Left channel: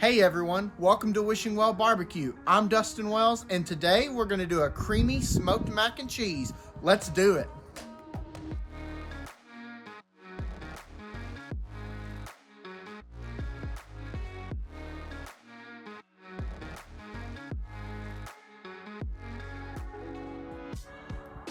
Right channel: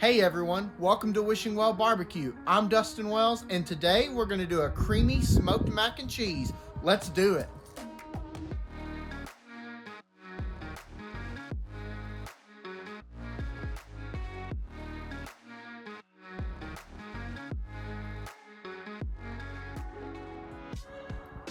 Hey everyone, welcome to Wishing Well Barbecue. I'm Dustin Wells, and today we're going to do a creamy smoked mac and cheese. Let's do it.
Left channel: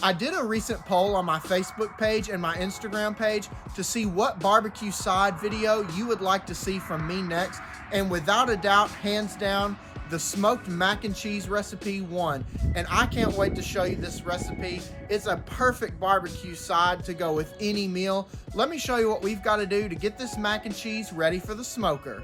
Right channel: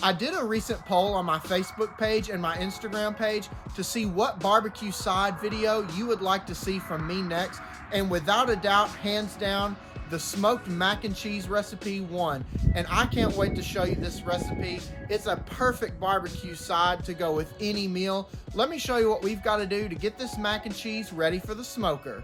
I did a recent poll on my Facebook page and my Instagram page to see what barbecue side video you would like to see from me next, and without a doubt, hands down, the smoked mac and cheese recipe won. And I can't wait to show you this recipe. It's a perfect barbecue side to go with any meal. Let me show you what we've got to do to get this mac and cheese ready for the smoker.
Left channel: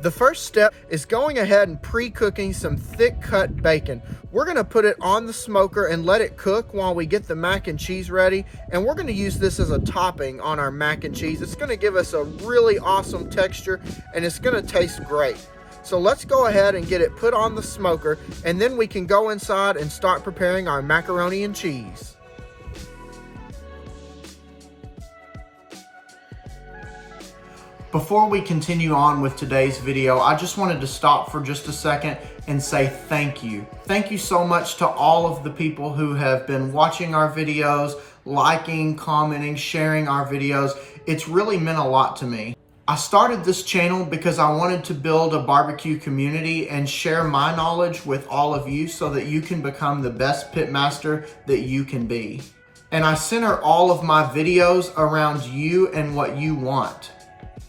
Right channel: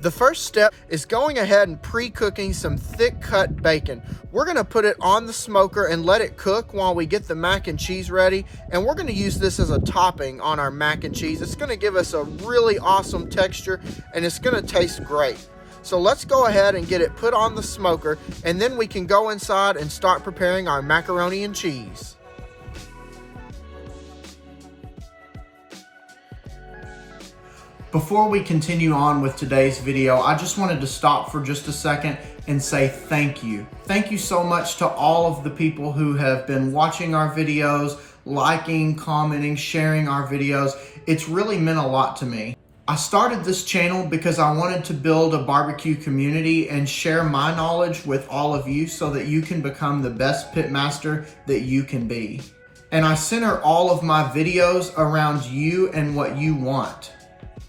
The first step is going ahead and pre-cooking some thick cut bacon. We're going to put it on the smoker and let it cook while we get the mac and cheese ready. And we're going to use this as a topping on our mac and cheese. It's going to give us a really awesome texture and it's going to taste great. So let's go ahead and get it put on the smoker, and then we can go inside and start preparing our macaroni and cheese. Before we continue on with today's video, I just wanted to stop for just a second and say thank you. Thank you so much to all of the people who have been watching our videos, liking, commenting, sharing our videos. It's really meant a lot to me. I started this channel because I wanted to build a barbecue community and share my knowledge with all of you so that you can become the best pitmaster that you can be. And I center all of my videos around you and what you want.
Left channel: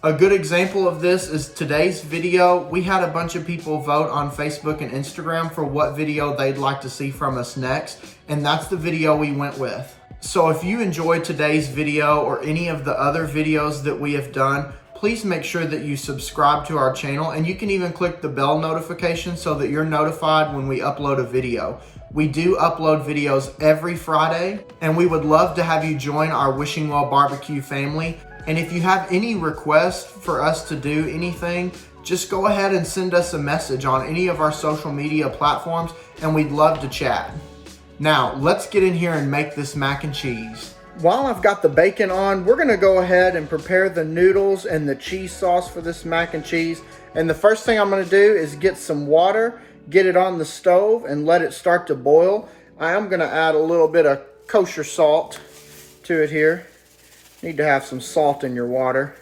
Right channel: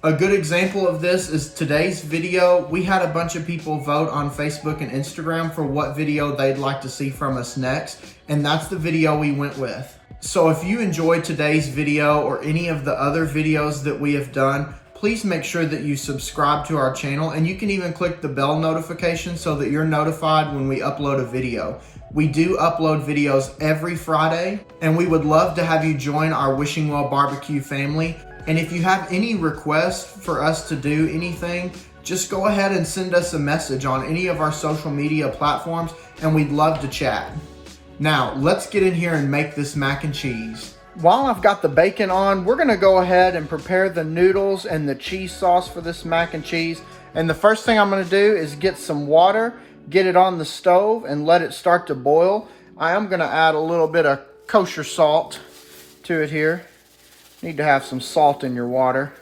A good example of this is today's video. We had a bunch of people vote on Facebook and Instagram for what video they'd like to see from us next, and that's the video we went with. So if you enjoyed today's video or any of the other videos that we have done, please make sure that you subscribe to our channel, and you can even click the bell notification so that you're notified when we upload a video. We do upload videos every Friday, and we would love to have you join our Wishing Well Barbecue family. And if you have any requests for us to do anything, just go ahead and send us a message on any of our social media platforms, and we'd love to chat. Now, let's get in here and make this mac and cheese. While I've got the bacon on, we're gonna go ahead and prepare the noodles and the cheese sauce for this mac and cheese. And the first thing I'm gonna do is get some water, get it on the stove, and let it start to boil. I am gonna add a little bit of kosher salt to it here. Need to have some salt in your water.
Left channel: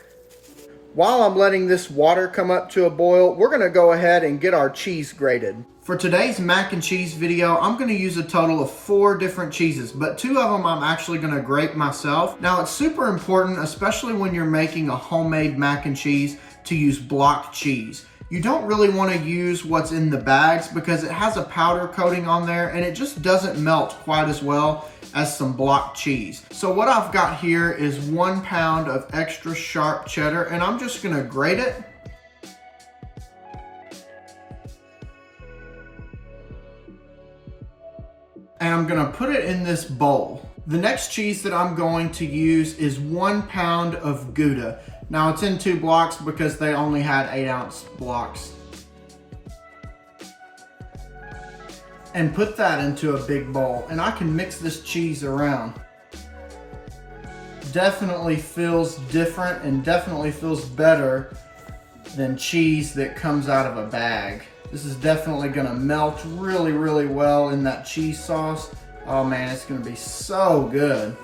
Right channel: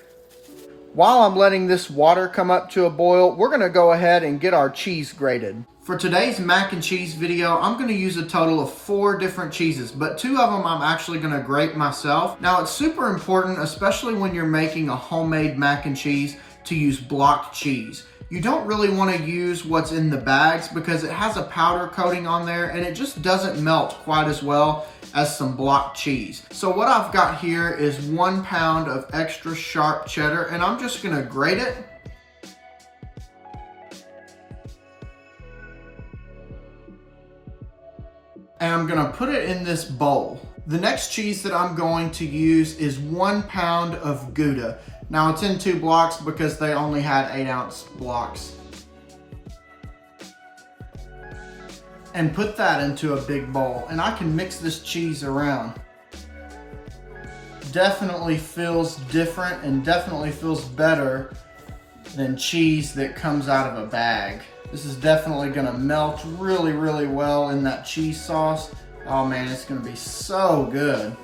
While I'm letting this water come up to a boil, we're gonna go ahead and get our cheese grated. For today's mac and cheese video, I'm gonna use a total of 4 different cheeses, but 2 of them I'm actually gonna grate myself. Now it's super important, especially when you're making a homemade mac and cheese, to use block cheese. You don't really wanna use what's in the bags because it has a powder coating on there and it just doesn't melt quite as well as some block cheese. So what I've got here is 1 pound of extra sharp cheddar, and I'm just gonna grate it. And I'm gonna put it in this bowl. The next cheese that I'm going to use is 1 pound of Gouda. Now it's in 2 blocks because they only had 8-ounce blocks. And put that into a big bowl, and I can mix this cheese around. Definitely feels different and definitely feels better than cheese that comes out of a bag. This is definitely gonna melt really, really well in that cheese sauce. Oh man, it's gonna be so good.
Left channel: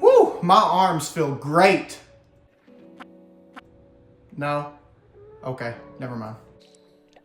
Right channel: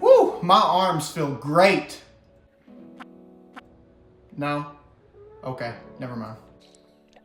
Woo, my arms feel great. No? Okay, never mind.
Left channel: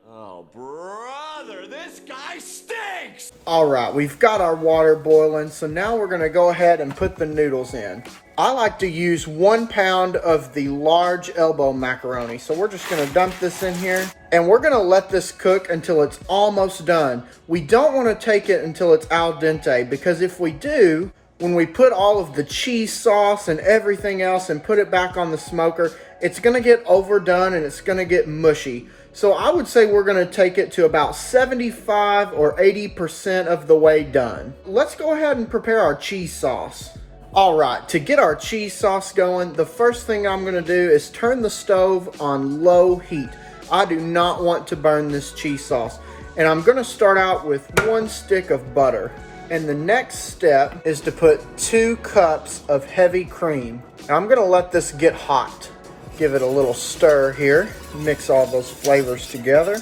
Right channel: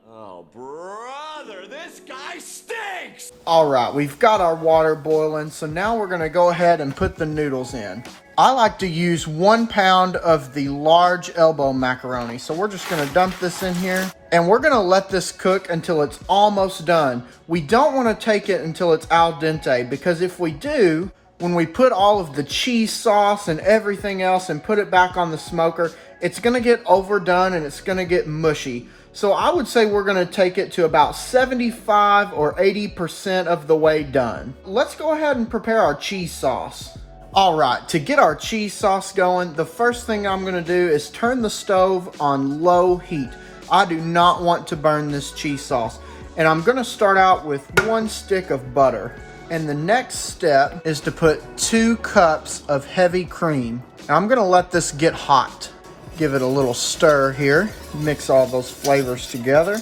Oh, brother, this guy stinks! All right, we've got our water boiling, so now we're gonna go ahead and put the noodles in. I like to use 1 pound of the large elbow macaroni, so we're just gonna dump this in here, and we're gonna let this cook until it's almost done. We don't wanna take it until it's al dente, because if we do, when we put all of the cheese sauce and everything else and put it back on the smoker, it's gonna get overdone and it's gonna get mushy. So I would say we're gonna take it to about 75 or 80% of the way done. Let's go ahead and prepare our cheese sauce. All right, to get our cheese sauce going, the first thing I'm gonna do is turn the stove on low heat. I do not want to burn this cheese sauce. And I'm gonna start out with 1 stick of butter. And the next step is to put 2 cups of heavy cream. Now I'm gonna let this get hot. Give it a little stir here. Mix all those flavors together.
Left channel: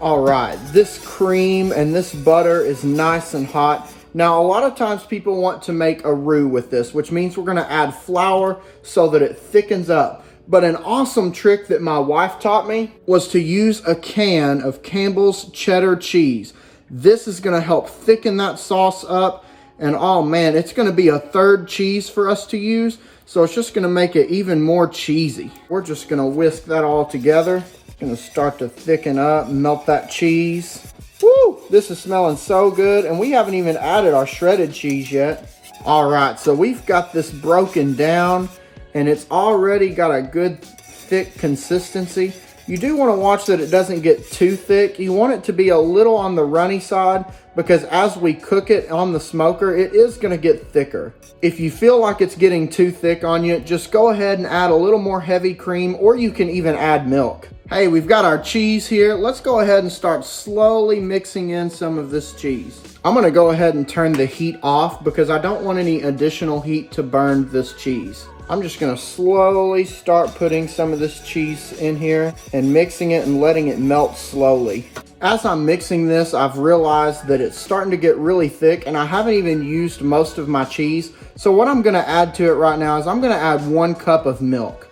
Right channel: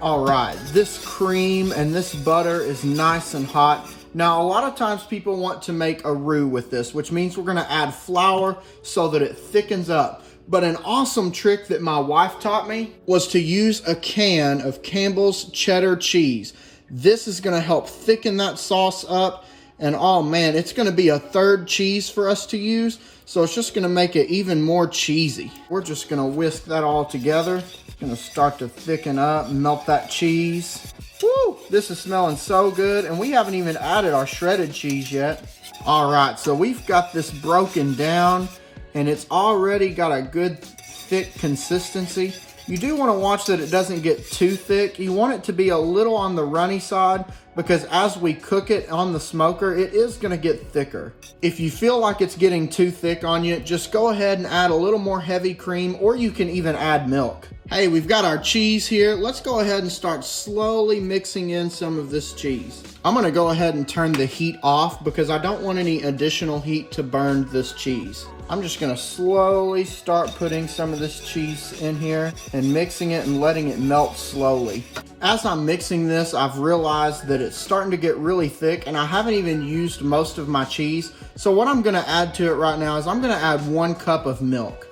All right, this cream and this butter is nice and hot. Now, a lot of times people want to make a roux with this, which means we're gonna add flour so that it thickens up. But an awesome trick that my wife taught me was to use a can of Campbell's Cheddar Cheese. This is gonna help thicken that sauce up. And oh man, it's gonna be a third cheese for us to use. So it's just gonna make it even more cheesy. We're just gonna whisk that all together. Gonna start to thicken up and melt that cheese. Woo, this is smelling so good. And we haven't even added our shredded cheese yet. All right, so we've got this broken down and it's already got a good thick consistency. You do want to watch that it doesn't get too thick. You want it to be a little on the runny side because as we cook it on the smoker, it is going to get thicker. If you feel like it's getting too thick on you, just go ahead and add a little more heavy cream, or you can even add milk. Hey, we've got our cheese here. Let's go ahead and start slowly mixing in some of this cheese. I'm going to go ahead and turn the heat off because I don't want any additional heat to burn this cheese. I'm just gonna slowly start putting some of this cheese in here and mixing it and letting it melt slowly. As I'm mixing this, I've realized that it's starting to get really thick and I haven't even used most of my cheese. So what I'm gonna add to it right now is I'm gonna add 1 cup of milk.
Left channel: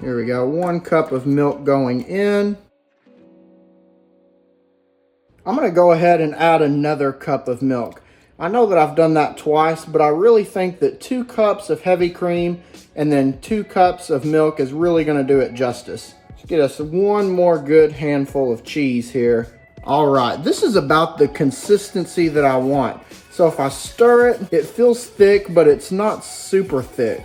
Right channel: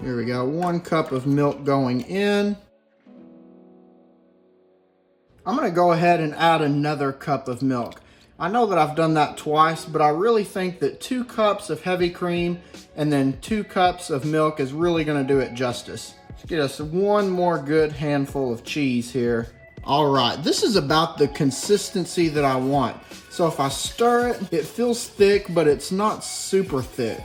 Here we go, 1 cup of milk going in. I'm gonna go ahead and add another cup of milk. I know that I've done that twice, but I really think that 2 cups of heavy cream and then 2 cups of milk is really gonna do it justice. Let's get us 1 more good handful of cheese here. All right, this is about the consistency that I want. So if I stir it, it feels thick, but it's not super thick.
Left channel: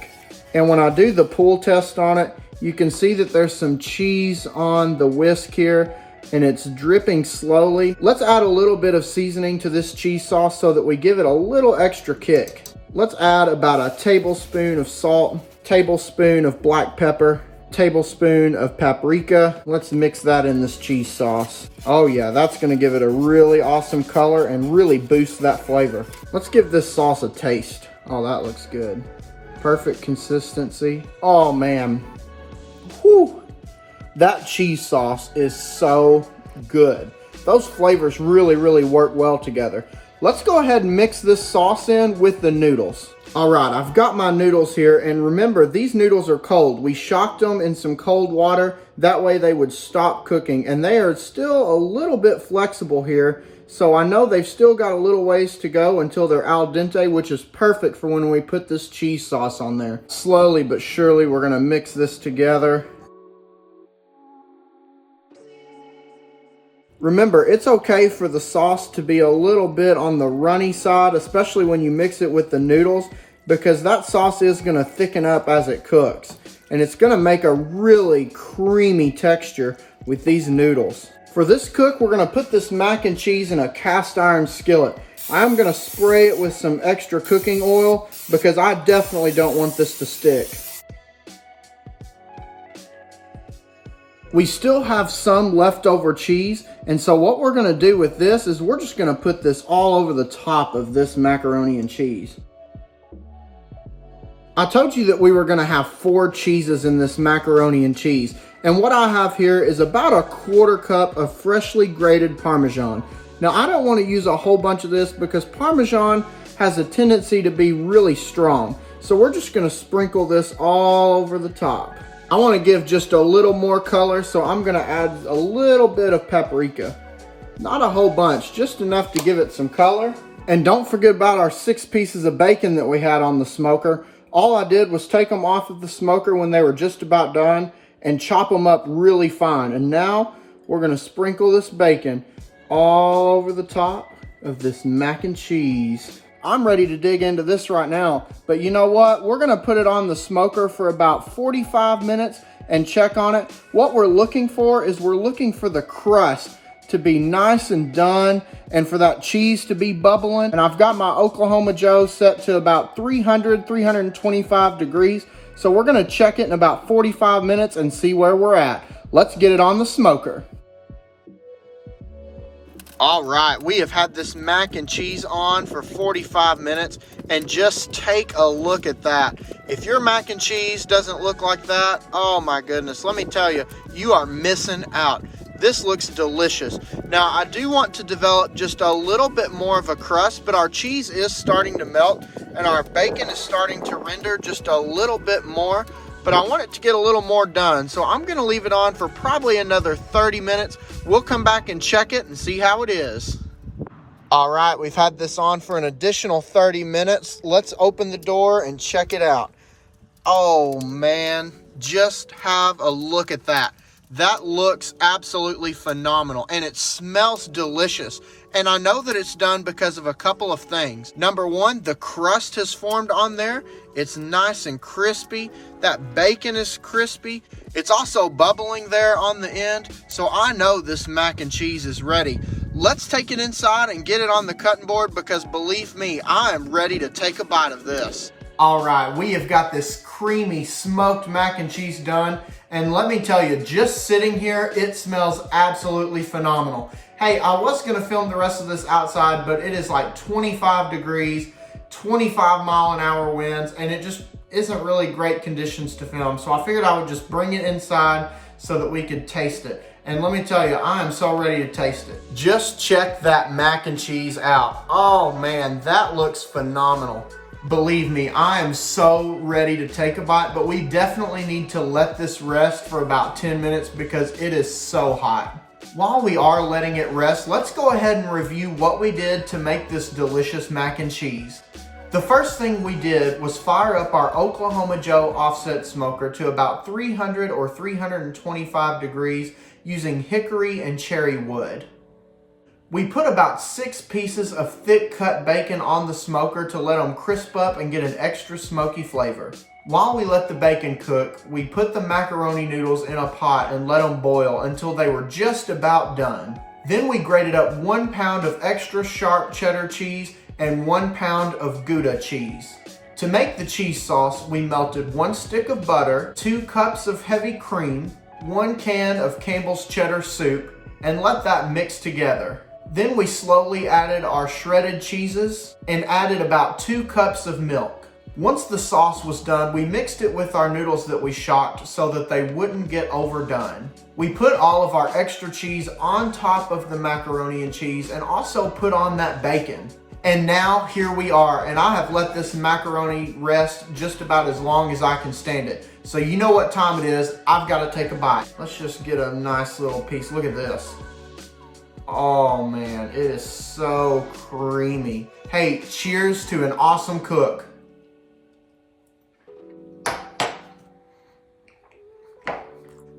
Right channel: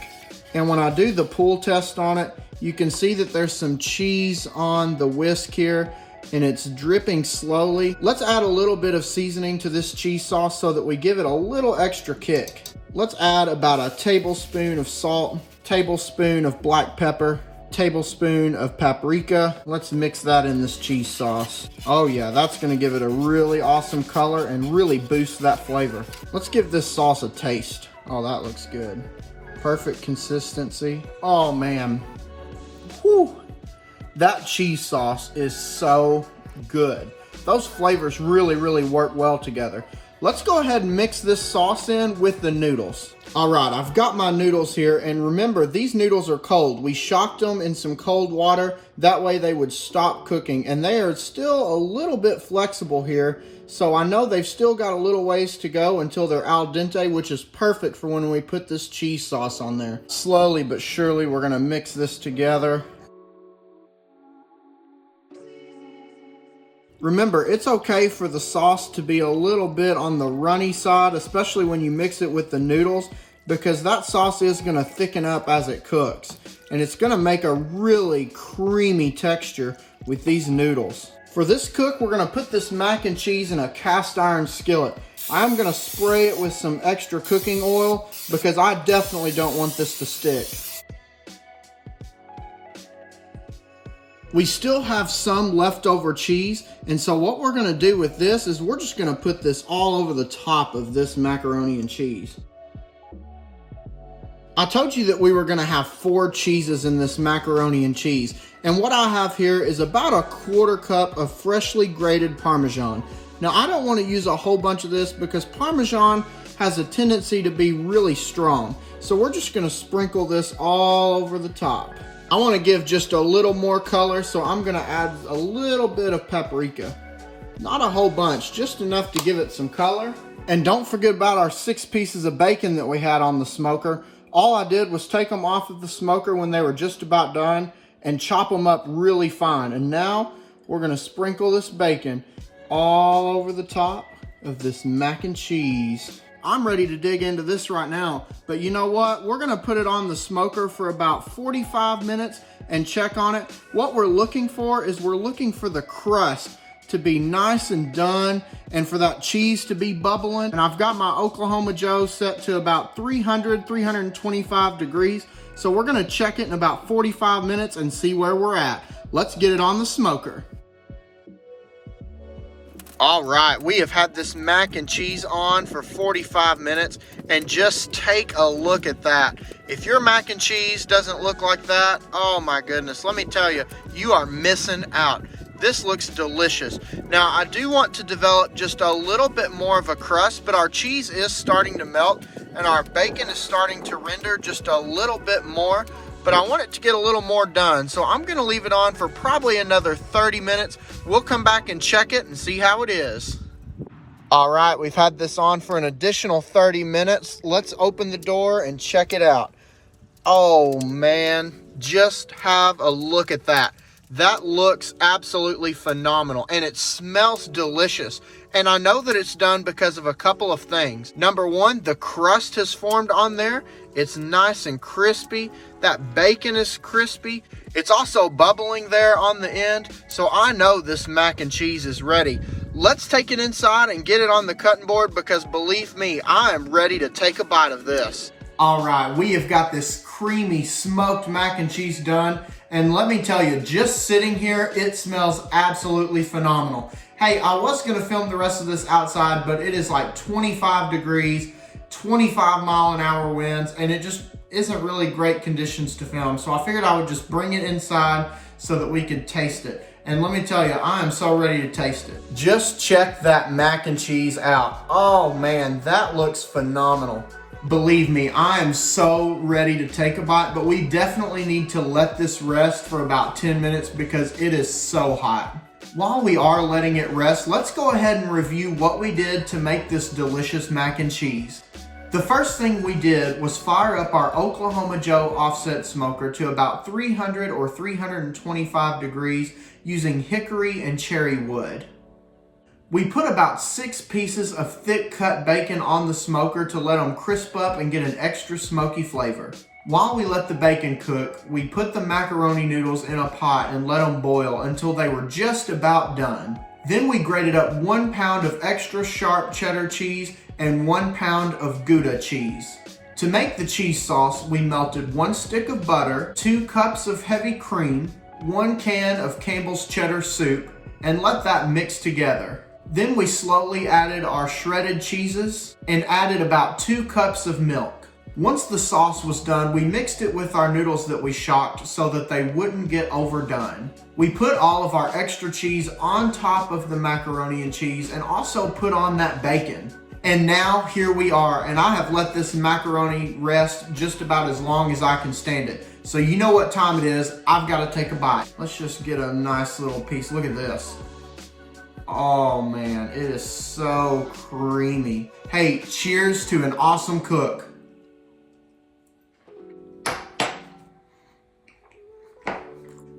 And when I do the pull test on it, you can see that there's some cheese on the whisk here, and it's dripping slowly. Let's add a little bit of seasoning to this cheese sauce so that we give it a little extra kick. Let's add about a tablespoon of salt, tablespoon of black pepper, tablespoon of paprika. Let's mix that in this cheese sauce. Oh yeah, that's gonna give it a really awesome color and really boost that flavor. Let's give this sauce a taste. Oh, that looks good. Perfect consistency. Oh man, whew. That cheese sauce is so good. Those flavors really work well together. Let's go ahead and mix this sauce in with the noodles. All right, I've got my noodles here, and remember, these noodles are cold. We shocked them in some cold water. That way they would stop cooking, and they are still a little bit flexible here. So I know they've still got a little ways to go until they're al dente, which is perfect for when we put this cheese sauce on there. Slowly but surely, we're gonna mix this together. Remember, it's okay for the sauce to be a little bit on the runny side, especially when you mix it with the noodles, because that sauce is gonna thicken up as it cooks. And it's gonna make a really creamy texture with these noodles. For this cook, we're gonna put this mac and cheese in a cast iron skillet. I'm gonna spray it with some extra cooking oil because I definitely don't want this to stick. We still have some leftover cheese, and so what we're gonna do with this is we're just gonna put this all over the top of this macaroni and cheese. I told you that we were gonna have 4 cheeses in this macaroni and cheese, and what I have here is about a 1/4 cup of freshly grated Parmesan. Now I don't wanna use a whole bunch of this because Parmesan has a tendency to be really strong, so we're just gonna sprinkle this all over the top. I want to give just a little more color, so I'm going to add a little bit of paprika. Not a whole bunch, just enough to give it some color. And don't forget about our 6 pieces of bacon that we had on the smoker. All I did was take them off of the smoker when they were just about done and chop them up really fine. And now we're going to sprinkle this bacon all over the top of this mac and cheese. I'm ready to dig into this right now, but you know what? We're gonna put it on the smoker for about 45 minutes and check on it. What we're looking for is we're looking for the crust to be nice and done and for that cheese to be bubbling. And I've got my Oklahoma Joe set to about 325 degrees. So we're gonna check it in about 45 minutes and see where we're at. Let's get it on the smoker. All right, we have had this mac and cheese on for 45 minutes, and just take a look at that. If your mac and cheese doesn't look like that, oh my goodness, let me tell you, you are missing out. This looks delicious. Now, I do want to develop just a little bit more of a crust, but our cheese is starting to melt, and our bacon is starting to render just a little bit more. But I want it to get a little more done. So I'm gonna leave it on for probably another 30 minutes. We'll come back and check it and see how it is. All right, we've had this on for an additional 30 minutes. Let's open the door and check it out. Oh man, just have a look at that. That looks absolutely phenomenal, and it smells delicious. And I know that it's done because of a couple of things. Number one, the crust has formed on there. It's nice and crispy. That bacon is crispy. It's also bubbling there on the end. So I know this mac and cheese is ready. Let's take it inside and get it on the cutting board, because believe me, I am ready to take a bite of this. All right, we have got this creamy smoked mac and cheese done. And let me tell you, just sitting here, it smells absolutely phenomenal. Hey, I was gonna film the rest of this outside, but it is like 25 degrees, 25-mile-an-hour winds, and it just isn't really great conditions to film. So I figured I would just bring it inside so that we could taste it. And let me tell you, I am so ready to taste it. Just check that mac and cheese out. Oh man, that looks phenomenal. Believe me, I am so ready to take a bite, but we definitely need to let this rest for about 10 minutes because it is so hot. While we are letting it rest, let's go ahead and review what we did to make this delicious mac and cheese. The first thing we did was fire up our Oklahoma Joe offset smoker to about 300 or 325 degrees using hickory and cherry wood. We put about 6 pieces of thick cut bacon on the smoker to let them crisp up and get an extra smoky flavor. While we let the bacon cook, we put the macaroni noodles in a pot and let them boil until they were just about done. Then we grated up 1 pound of extra sharp cheddar cheese and 1 pound of Gouda cheese. To make the cheese sauce, we melted 1 stick of butter, 2 cups of heavy cream, 1 can of Campbell's cheddar soup, and let that mix together. Then we slowly added our shredded cheeses and added about 2 cups of milk. Once the sauce was done, we mixed it with our noodles that we shocked so that they wouldn't get overdone. We put all of our extra cheese on top of the macaroni and cheese and also put on that bacon. And now here we are, and I have let this macaroni rest just about as long as I can stand it. So you know what time it is. I've got to take a bite. Let's just get a nice little piece. Look at this. Oh man, it is so creamy. Hey, cheers to an awesome cook.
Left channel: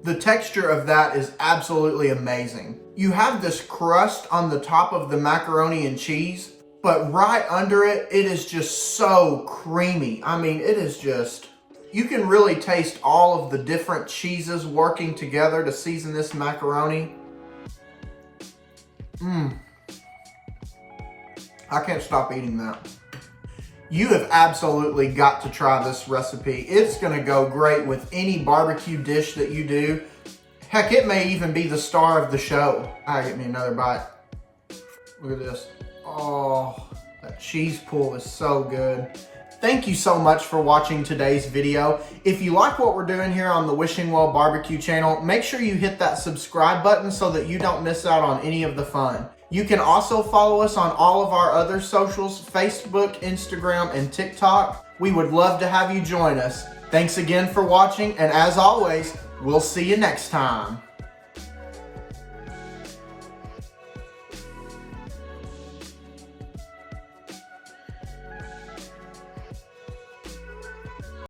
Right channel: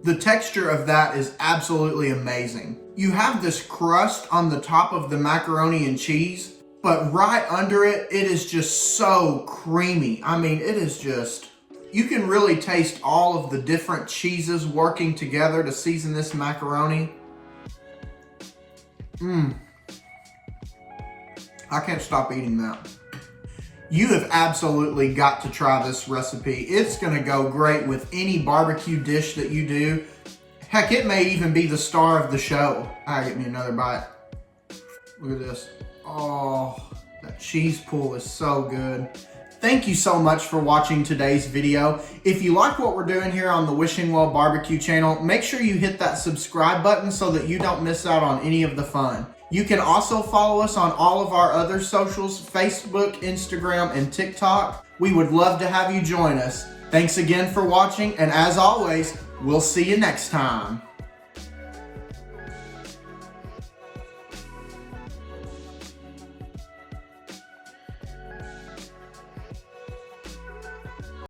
The texture of that is absolutely amazing. You have this crust on the top of the macaroni and cheese, but right under it, it is just so creamy. I mean, it is just, you can really taste all of the different cheeses working together to season this macaroni. I can't stop eating that. You have absolutely got to try this recipe. It's gonna go great with any barbecue dish that you do. Heck, it may even be the star of the show. I get me another bite. Look at this. Oh, that cheese pool is so good. Thank you so much for watching today's video. If you like what we're doing here on the Wishing Well Barbecue channel, make sure you hit that subscribe button so that you don't miss out on any of the fun. You can also follow us on all of our other socials, Facebook, Instagram, and TikTok. We would love to have you join us. Thanks again for watching, and as always, we'll see you next time.